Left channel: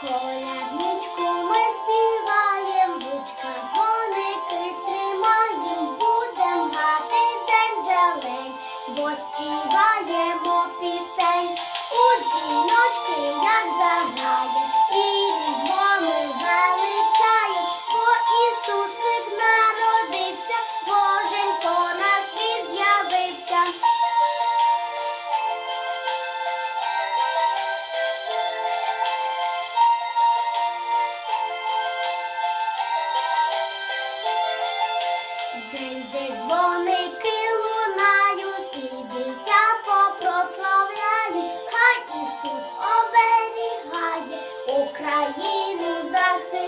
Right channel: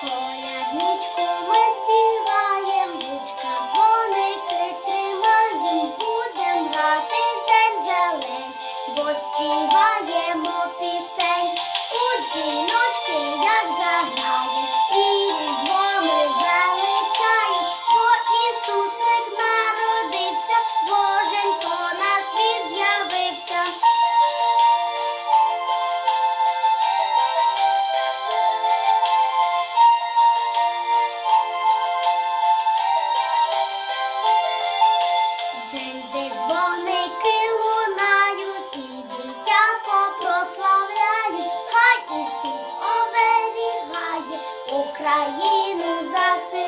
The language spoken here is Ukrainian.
Колядничку ми співаєм, вучка дзвоники тримаєм, будем грати день зелень, бо співаємо пісень у дзвіні. Цинзи дзвоники лунають, і дитятко прославляють, хай Ісус оберігає Україну захищає.